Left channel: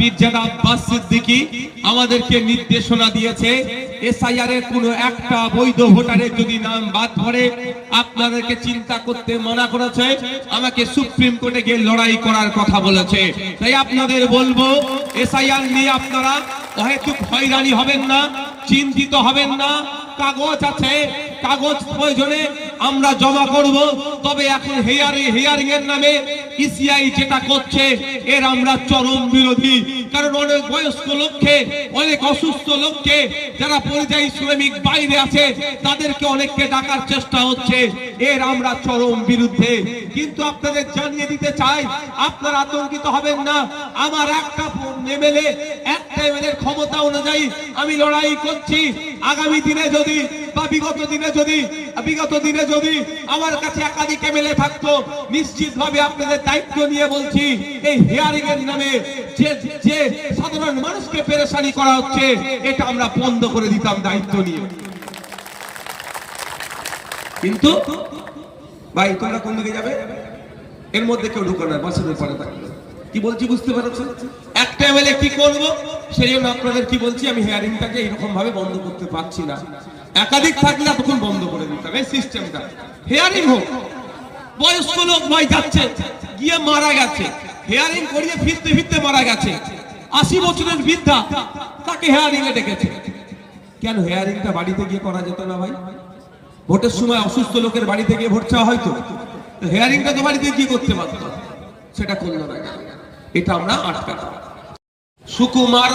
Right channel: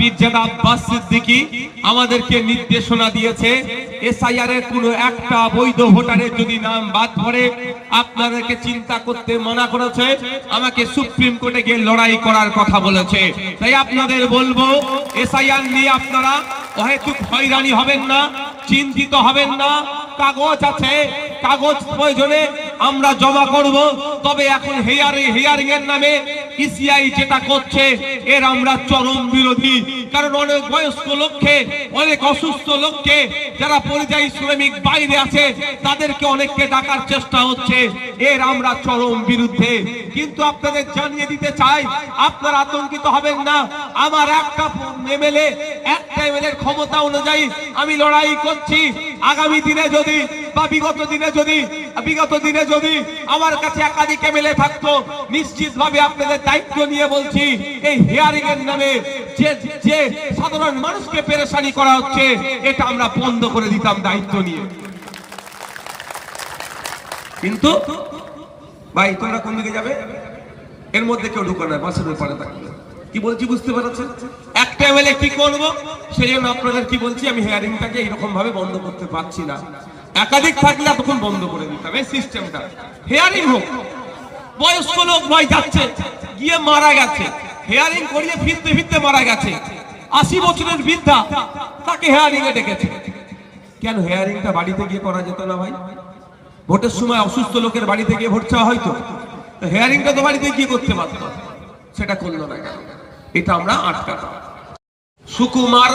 পীরজাদা আব্বাস সিদ্দিকী আমাদেরকে নির্দেশনা দিয়েছে, এসআইআর এর কোনো একটা বৈধ ভোটারের যদি নাম বাদ পড়ে আপনাদেরকে চিন্তা করতে মানা করেছে, আমাকে সুপ্রিম কোর্টে গিয়ে লড়াই করার কথা বলেছে। তাই আপনাদের বলবো, এসআইআর নিয়ে আপনারা অহেতুক হয়রানি হবেন না, চিন্তিত হবেন না। কাগজ আছে, কাগজ প্রয়োজনে আমরা জমা করব। তবে এখন হিয়ারিং এর নামে ইসিআই যেটা করছে এর আমরা চরম বিরোধী। কারণ অনেক বয়স্ক লোককে, অনেক অসুস্থ লোককে, যারা পরিযায়ী শ্রমিক বাইরে আছে তাদেরকে অনেককে ডাকার চেষ্টা হচ্ছে, এর আমরা চরম বিরুদ্ধে। কিন্তু আপনাদের জানিয়ে দিতে চাই, আপনারা আতঙ্কিত হবেন না। আমার একটা এমএলএ এর ক্ষমতা অনুযায়ী আমি লড়াই করছি। আগামী দিনে যদি বা বিগত দিনে যদি আমার কাছে একাধিক এমএলএ থাকতো, নিশ্চিতভাবে আপনাদের দায়িত্ব নিয়ে বলছি, এই হিয়ারিং এর নামে যে সাধারণ মানুষকে পেরেশানি করা হচ্ছে এটা আমরা বন্ধ করে দিতাম দায়িত্ব নিয়ে। কিন্তু ভাই তোমরা কোন দিকে যাবে? এর মধ্যে কেউ ঢুকো না, বাসের উপরে থাকবে। কি বলছি বুঝতে পারছেন? একটা এমএলএ কি করবো সেই জন্য আপনাদের কি বলছি, আমি হিয়ারিংটাকে এরকম ভাবে বন্ধ করতে পারছি না। একাধিক থাকলে তখন বন্ধ করে দিতাম এই সিস্টেমটা। হিয়ারিং হোক, বয়স্ক লোক ভাই যাচ্ছে, গিয়ে মারা গেছে, হিয়ারিং করিয়ে ফিরতে মারা গেছে, 80 বছরের বৃদ্ধা, তাকে হিয়ারিং এ ডেকেছে। কেন হিয়ারিংটা বাড়িতে গিয়ে করা যেত না ভাই? ভোটের সময় অসুস্থ লোকের বাড়িতে গিয়ে ভোট চাওয়া হয়তো, হিয়ারিংটা তো বাড়িতে গিয়ে করতে পারতো, সেটা করলো না। এটা আমরা আটকাতাম। সুকুমার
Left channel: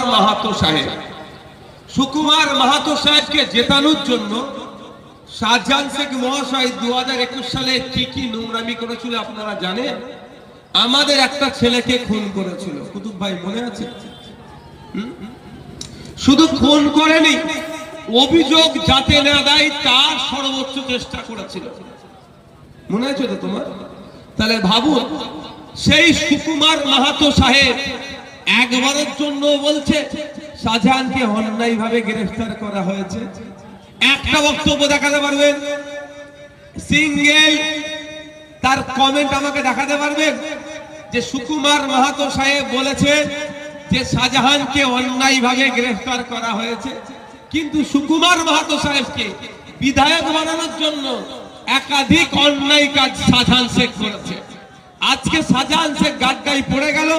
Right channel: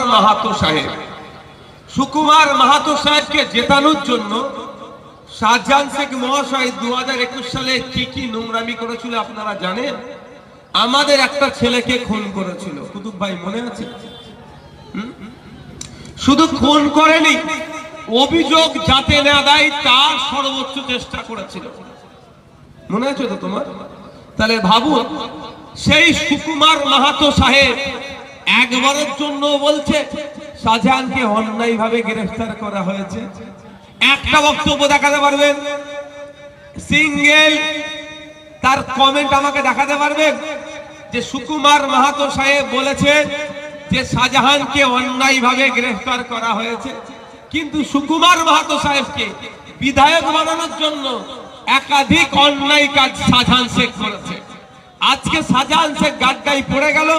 মাহাতো সাহেবকে জেতানোর জন্য শাহজাহান শেখ মহাশয় 2021 সালে কি নোংরামি করেছিল আপনারা জানেন? আমাদের একটা ছেলেকে খুন করেছিল। কুতুব ভাই মনে আছে? শুধু খুন করেনি, অভিযোগ যাতে না দেয় তার সর্বোচ্চ চেষ্টা করেছিল। মনে আছে তো তোমার? তাহলে ভাবুন, সেই সুকুমার মাহাতো সাহেব একবারের জন্য বলছে শাহজাহানকে অন্যায়ভাবে গ্রেফতার করা হয়েছে? একটা বক্তব্য দেখাতে পারবেন? সিঙ্গেল তার কমেন্ট আমাকে দেখাতে পারবেন যে সুকুমার মাহাতো সাহেব বলেছে যে শাহজাহানকে অন্যায়ভাবে গ্রেফতার করা হয়েছে? কিন্তু সুকুমার মাহাতো সাহেবকে বিধায়ক বানানোর জন্য একাধিক অন্যায় কাজ শাহজাহান শেখ করেছে। আজকে শাহজাহান শেখ গাড্ডায় পড়ে গেল,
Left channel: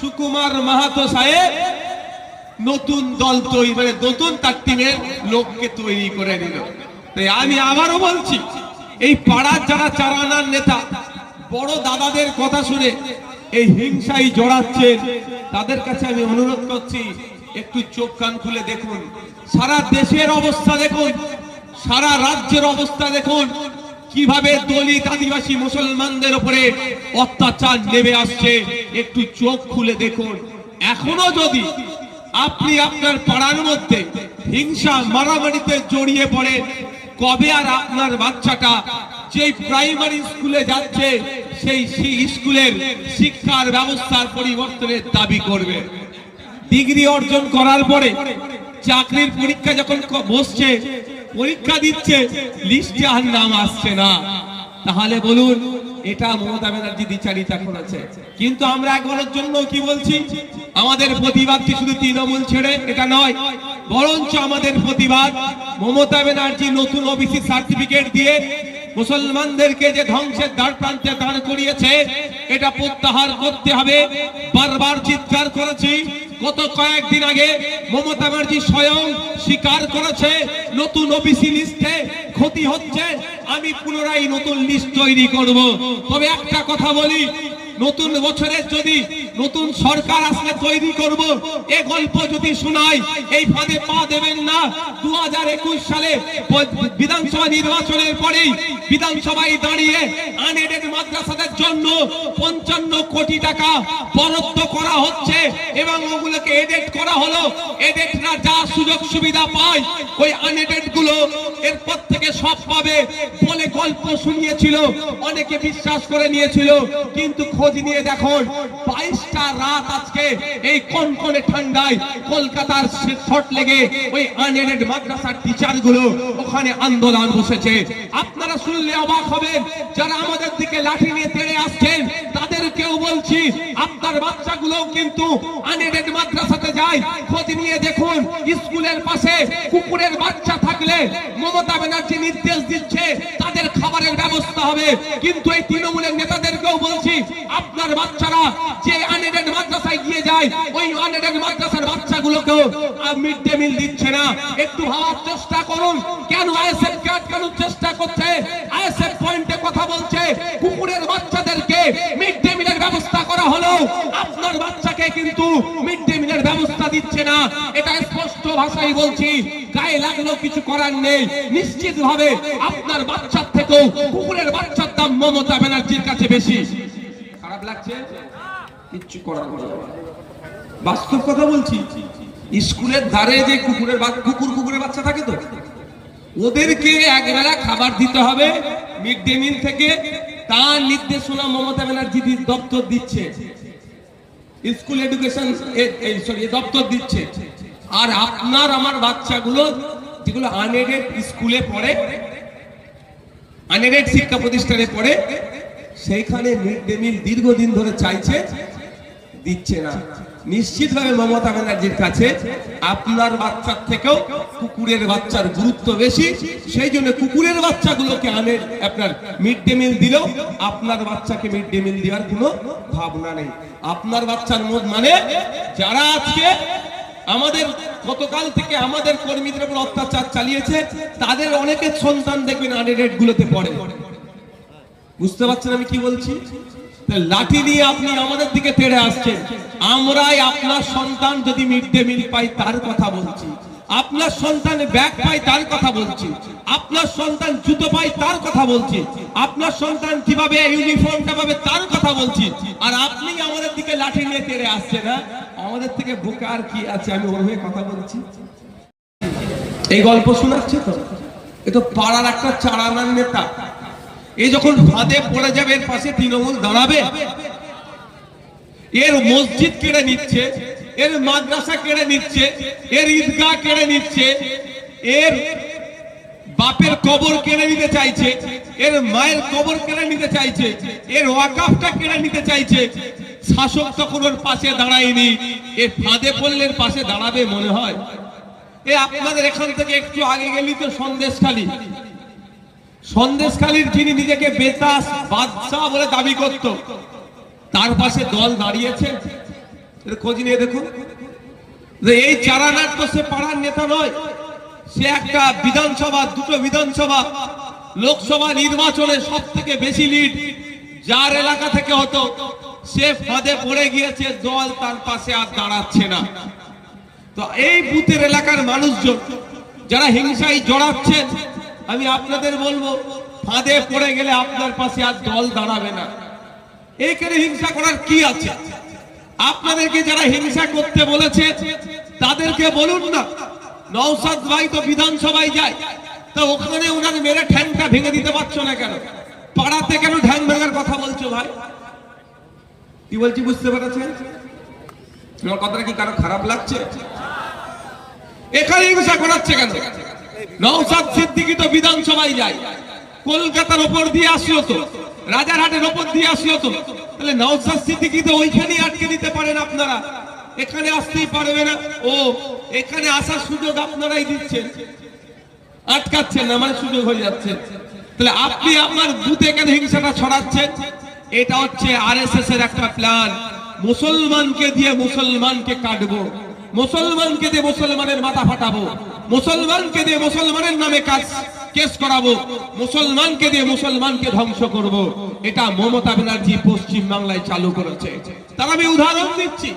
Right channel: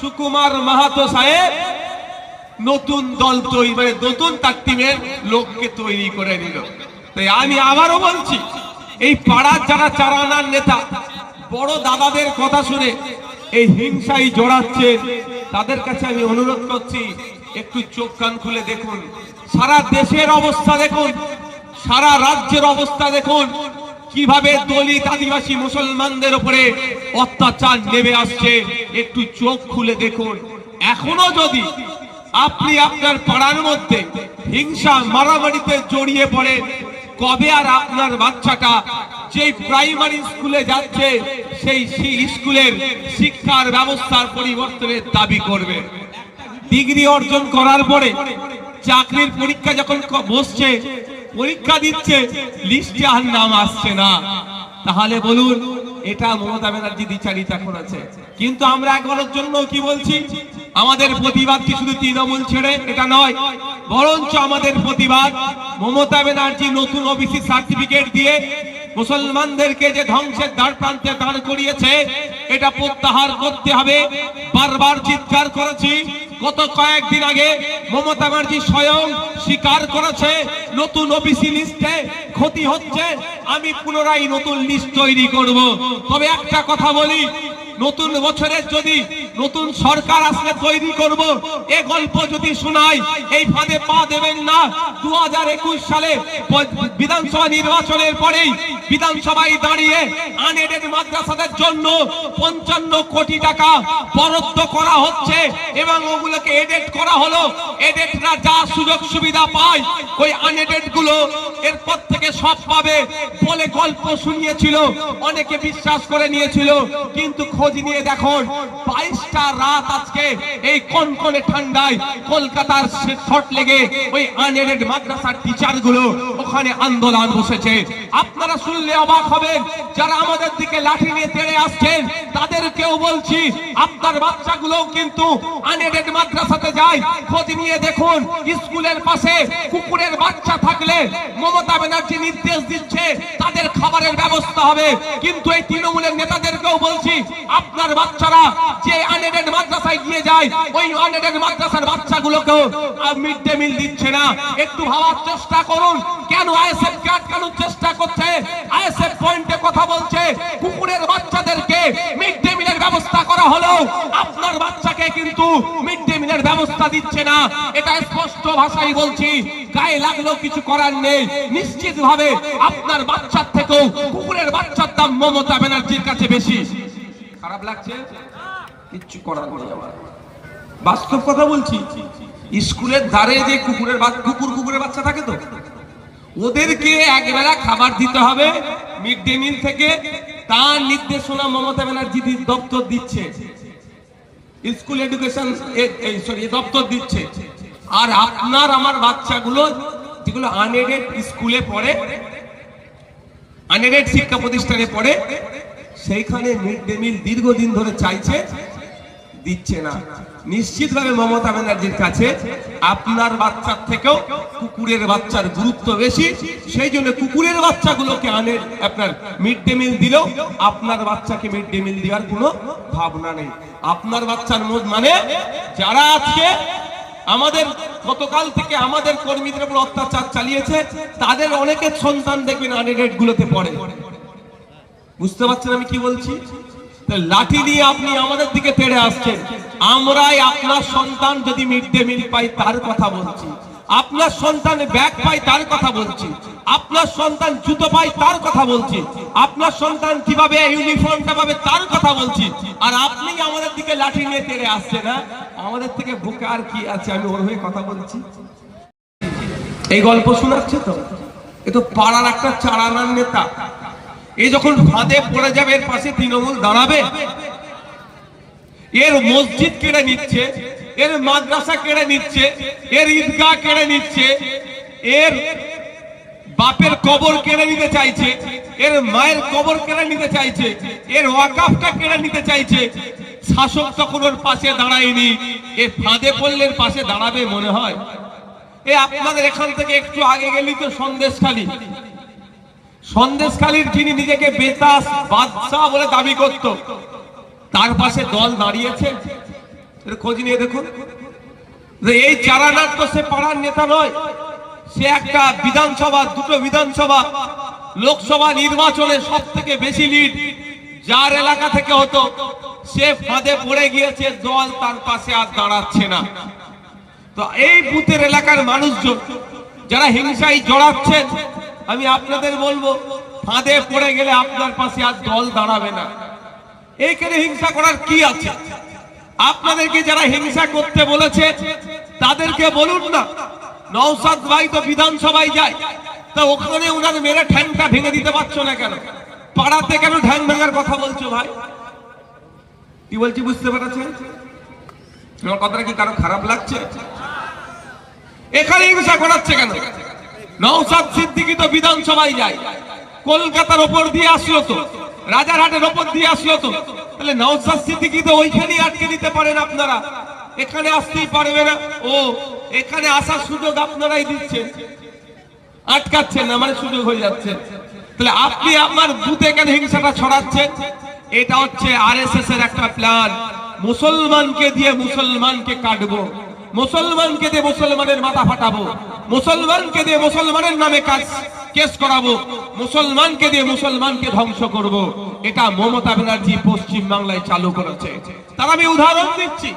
সুকুমার মাহাতো সাহেব নতুন দল তৈরি করে নতুন তার টিমের লোককে তৈরি করে নিল। তাই আমি আবারও বলছি, এই পাড়ার যারা চারানার নেতা বড় দাদাদের কথা শুনে এই হিংসায় জড়াচ্ছে, তাদের কাছে আমি অনুরোধ করছি, একটু চোখ কান খুলে দেখুন। সারা দেশের অবস্থা দেখুন, সারা রাজ্যের অবস্থা দেখুন, কিভাবে দলিত আদিবাসী মুসলমানদের উপরে অত্যাচার নেমে আসছে। একটু চোখ খুলে দেখুন। এখনো যদি আপনি আপনার পাড়ার মধ্যে হিংসা মারামারিতে জড়িয়ে পড়ে, কবে আর আপনার বাচ্চাটা যেই প্রাইমারি স্কুলে যাচ্ছে সেই স্কুলের শিক্ষার ব্যবস্থার পরিবর্তনের দাবি করবে? ডিগ্রি অর্জন করার পরে চাকরির পরীক্ষা যখন বসছে, পরীক্ষা দিচ্ছে, লিস্টে আর নাম আসছে না, তাহলে বলুন এটা মমতা ব্যানার্জি দ্বিচারিতা করেছে। কিন্তু আমরা একবারের জন্য কি বলছি, আমাদের প্রতিবাদ কি শুধু তৃণমূল ছেড়ে এটা নয়, বরঞ্চ আমাদের প্রতিবাদ মমতা ব্যানার্জি নতুন ওবিসি সার্টিফিকেট দিয়ে মুসলমানদেরকে যে ধ্বংসের দ্বার প্রান্তে দাঁড় করিয়েছে, এটা প্রত্যাহার করতে হবে। বারবার চিৎকার করেছি, গত কয়েকদিন আগে মমতা ব্যানার্জি স্বয়ং স্বীকার করেছে নতুন ওবিসি লিস্টে ক্ষতি হচ্ছে, আমি পুনরায় নতুন লিস্ট তৈরি করব। তবে একটা কথা বলি, নতুন বছরের যদি নতুন সরকার আসলে তৈরি করব, এই গল্প যদি শোনাই এই ফাঁদে পা দেবেন না। 2021 সালে বিধানসভা নির্বাচনের পরেই বিধানসভায় দাঁড়িয়ে আনএডেড মাদ্রাসাদের জন্য 55 কোটি টাকা বরাদ্দ করা হচ্ছে এবং ওগুলোকে এডেড করা হলো। এডেডরা যা সুযোগ সুবিধা পায় ওই আনএডেড গুলো এরপর থেকে সব পাবে বলে গল্প শুনিয়েছিল, অনেকে বিশ্বাস করে নিয়েছিল। কিন্তু খোঁজ নিয়ে দেখুন, 22টা রাত আজকে এই কনকনে ঠান্ডায় কলকাতার শর্ট লেগে ওই আনএডেড মাদ্রাসার টিচার গুলো ওখানে আন্দোলন বসেছে। আপনারা শুনলে অবাক হবেন, যারা আমাদের দিকে লাঠি নিয়ে তেড়ে আসছেন তাদেরকেও বলছি, আপনার বাচ্চাগুলো কিন্তু আনএডেড যায়, খোঁজ নিয়ে দেখুন স্কুলের পাশে কুকুরের বাচ্চা থাকলে মমতা ব্যানার্জি নির্দেশ দিচ্ছে তাদের খাবারের ব্যবস্থা হবে। কিন্তু এই তৃণমূলের নেতাদেরকেও বলছি, আপনার বাচ্চারা যে আনএডেড মাদ্রাসায় গিয়ে যায়, ওই আনএডেড মাদ্রাসার বাচ্চাগুলোকেও মিড ডে মিল দিচ্ছে না। একটু ভাবার চেষ্টা করুন, কেন আইএসএফ কে আটকানোর চেষ্টা করছে? আইএসএফ পয়েন্টে কথা বলছে কুকুরের বাচ্চাদেরকে মিড ডে মিলের ব্যবস্থা করা হলো, আপনার বাচ্চাকে কিন্তু মিড ডে মিলের ব্যবস্থা দিচ্ছে না। এটা স্পষ্ট ভাষায় বলছি, গায়ে লাগলেও কিছু করার নেই। নিশ্চিতভাবে আপনার বাচ্চার থেকেও কুকুরের বাচ্চার দাম মমতা ব্যানার্জির কাছে বেশি। খারাপ লাগছে? কিচ্ছু করার নেই। বাস্তব কথা বলছি, স্কুলের ধারে যে কুকুরের বাচ্চা থাকে, তো ওদেরকে একবেলা খাবার দিতে হবে মিড ডে মিল থেকে, তার নির্দেশনা মমতা ব্যানার্জি দপ্তর দিচ্ছে, স্কুল এডুকেশন দপ্তর দিচ্ছে। আর আপনার আমার বাচ্চাগুলো যেগুলো আনএডেড স্কুলে পড়ে, আনএডেড শিক্ষা প্রতিষ্ঠানে পড়ে, সেইখানে মিড ডে মিল দীর্ঘদিন ধরে চাইছে, দিচ্ছে না। নিশ্চিতভাবে মমতা ব্যানার্জির কাছে আপনার বাচ্চার থেকেও কুকুরের বাচ্চার গুরুত্ব বেশি। সেই জন্য কুকুরের বাচ্চাগুলোকে আপনার মিড ডে মিল দিলেও আপনার বাচ্চাকে মিড ডে মিল দেওয়ার কোনো ভাবনা নেই। আপনার বাচ্চার মানে যারা আজকে আমাদের গতকাল থেকে আমাদের কর্মীদের উপর অত্যাচার চালিয়েছে, তাদের অনেকের সন্তান দেখবেন আনএডেড গুলোতে পড়ে। বুঝতে পারছেন আমি কি বলছি? লাঠি নিয়ে আপনি আমাদের দিকে তেড়ে আসছেন। আমরাই আপনার সন্তান যদি মিড ডে মিল পাই তার কথা বলছি, আপনার সন্তান ব্যাগ পাই তার কথা বলছি, আপনার সন্তান জুতো পাই তার কথা বলছি, আপনার সন্তান কিভাবে ইউনিফর্মটা পাবে তার কথা বলছি। আর আপনি আমাদের দিকে লাঠি নিয়ে তেড়ে আসছেন। না, আমাদের থেকে বুকে আর কি আছে? আমি ওর হয়ে কথা বলছি। এই গল্প শোনাচ্ছে তো, এ তো পাড়ার একটা চারানার নেতা। এই যখন ফাঁদে পড়ে যাবে, এর পাশে তৃণমূল দাঁড়াবে? এর মসজিদ কেড়ে নিচ্ছে, এর মাদ্রাসা কেড়ে নিচ্ছে, এর ঈদগাহ কেড়ে নিচ্ছে, এর বাপের কবর কেড়ে নিতে চাইছে, এর মায়ের কবর কেড়ে নিতে চাইছে, এর ওয়াকাফটা কেড়ে নিতে চাইছে। শাসক তখন ওর পাশে দাঁড়ায়নি, এ ফাঁদে পড়লে এর পাশে দাঁড়াবে মনে হয়? এ আপনাদের এখান থেকে একটু আগে গেলি তো সন্দেশখালী, সন্দেশখালীর যিনি নিজেকে বেতাস বাদশাহ বলে দাবি করত, তার পাশে দল দাঁড়িয়েছে। খোঁজ নিয়ে দেখুন, এই চারানার তো সে পাড়ার নেতা নয়, সে একটা বিধানসভা, দুটো বিধানসভা লোকসভা নির্বাচনে সব থেকে বেশি লিড যার এলাকা থেকে হতো, সে ফাঁদে পড়ে গিয়েছে, দল তার পাশে আর দাঁড়াচ্ছে না। তো এই বুথের এলাকার মানুষজন যারা হিংসায় জড়াচ্ছেন, আমি আপনাদের বলবো, ফাঁদে পড়ে গেলে আপনার পাশে আর দল দাঁড়াবে না। এইখানে হিংসা করার কি আছে? আপনাদেরকে যারা হিংসা করতে বলেছে তাদেরকে বলুন না, নওশাদ ভাই তো বিধানসভায় যায়, তা ওখানে ওনার মেরে ঠ্যাংটা ভেঙে দিতে পারছো না কেন? পাড়াতে কেন ঠ্যাং ভাঙার কথা বলছো ভাই? কি বলছি বুঝতে পেরেছেন? আমার কথাটা কি কারো খারাপ লাগছে? এখানে হিংসা করাচ্ছে কেন? নওশাদ সিদ্দিকী তো বিধানসভায় যায়, কলকাতার ওপর দিয়ে আসলো তো, রাজারহাটের ওপর দিয়ে আসলো তো, তাহলে নওশাদ সিদ্দিকী তো ওইখানেই আটকে দিতে পারেন আপনারা, এখানে আসতেই পারবে না। ও এখানে আসার সুযোগ আপনারাই দিচ্ছেন, আটকাচ্ছেন না, মানে সুযোগ হয়ে যাচ্ছে। তাহলে আপনি আপনার বুথে কেন হিংসাটা ছড়াচ্ছেন? এটা হচ্ছে আরএসএস এর একটা প্ল্যান। মুসলমানকে দিয়ে মুসলমানকে কাটবো, মুসলমানকে দিয়ে মুসলমানের মাথা ফাটাবো, মুসলমানকে দিয়ে মুসলমানের নামে কেস করাবো, মুসলমানকে দিয়ে মুসলমানকে ধ্বংস করব। এটা মমতা ব্যানার্জি পশ্চিম বাংলায় চালু করেছে। তার আমি উদাহরণ দিচ্ছি,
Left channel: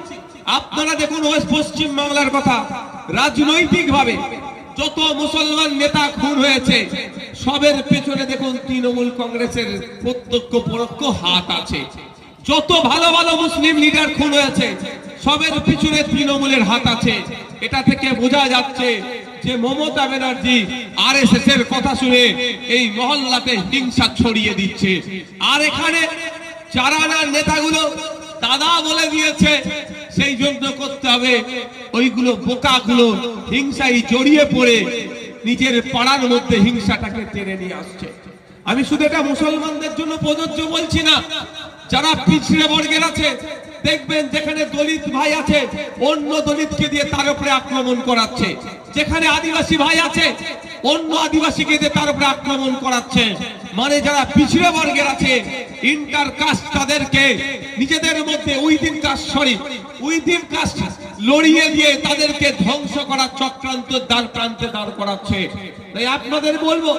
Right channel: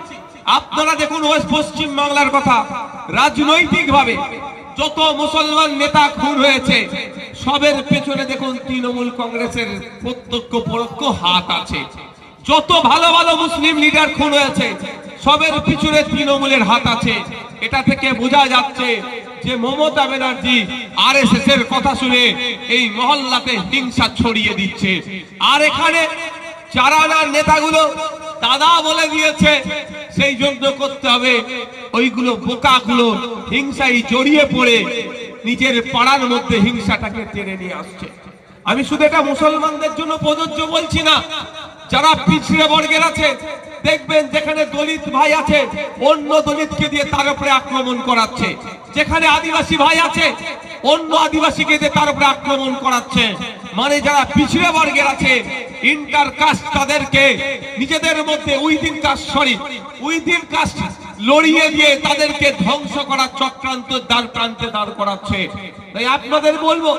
আপনারা দেখুন ওয়েস্ট পশ্চিম বাংলার কথা, রাজনৈতিক ভাবে যত মুসলমান নেতা খুন হয়েছে, সবের পেছনে দেখুন তৃণমূল কংগ্রেসের প্রত্যক্ষ পরোক্ষ হাত আছে। যত ভালো ভালো মুসলিম লিডার খুন হয়েছে, সবের পিছনে তৃণমূলের হাত আছে। এটা থেকে বোঝা যাচ্ছে যে মমতা ব্যানার্জি আরএসএস এর কথা শুনে এই মহল্লাতে হিংসা ছড়িয়ে দিচ্ছে। আর এখানে চারানার নেতাগুলো দাদা বলে দিয়েছে, সেই জন্য করতে হবে। ওইগুলো বোকাগুলো হিংসায় জড়িয়ে পড়ে নিজের পাড়ার মধ্যে হিংসাটাকে টেনে নিয়ে আসছে। আমি শুধু এটা মুসলমানদের জন্য প্রযোজ্য বলছি না, যারা পিছড়ে বর্গের আছে, দেখবেন যেখানে দলিত ভাই আছে অন্য দলিতকে দিয়ে তার উপরে আক্রমণ করাচ্ছে, যেখানে আদিবাসী ভাই আছে অন্য আদিবাসীকে দিয়ে তার উপরে আক্রমণ করাচ্ছে। মানে যারা পিছিয়ে বর্গের আছে ইন্টার কাস্ট তাদেরকে নিজেদের মধ্যে উইদিন কাস্ট লড়িয়ে দিয়ে তাদেরকে ধ্বংস করার চক্রান্ত দ্বার প্রান্তে দাঁড় করাচ্ছে। তাই আপনাদের বলবো,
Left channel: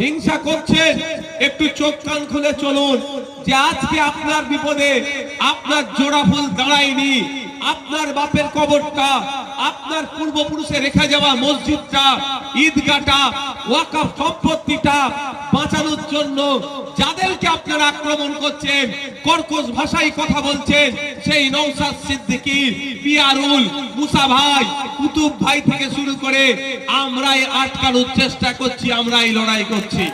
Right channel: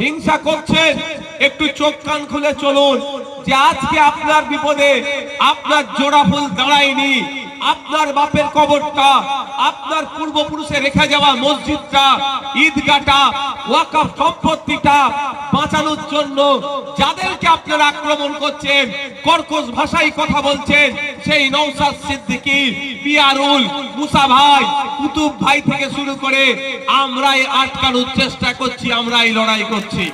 হিংসা করছেন একটু চোখ কান খুলে চলুন, যে আজকে আপনার বিপদে আপনার জোড়া ফুল দাঁড়ায়নি, আপনার বাপের কবরটা, আপনার পূর্বপুরুষে রেখে যাওয়া মসজিদটা, ঈদগাহটা, ওয়াকফ সম্পত্তিটা বাঁচানোর জন্য যাদেরকে আপনারা আক্রমণ করছেন, কর্কশ ভাষায় কথা বলছেন, সেই নওশাদ সিদ্দিকী, পিয়ারুল, মুসা ভাই, কুতুব ভাই থেকে শুরু করে আমরাই আটকানোর চেষ্টা করছি, আমরাই লড়াই করছি।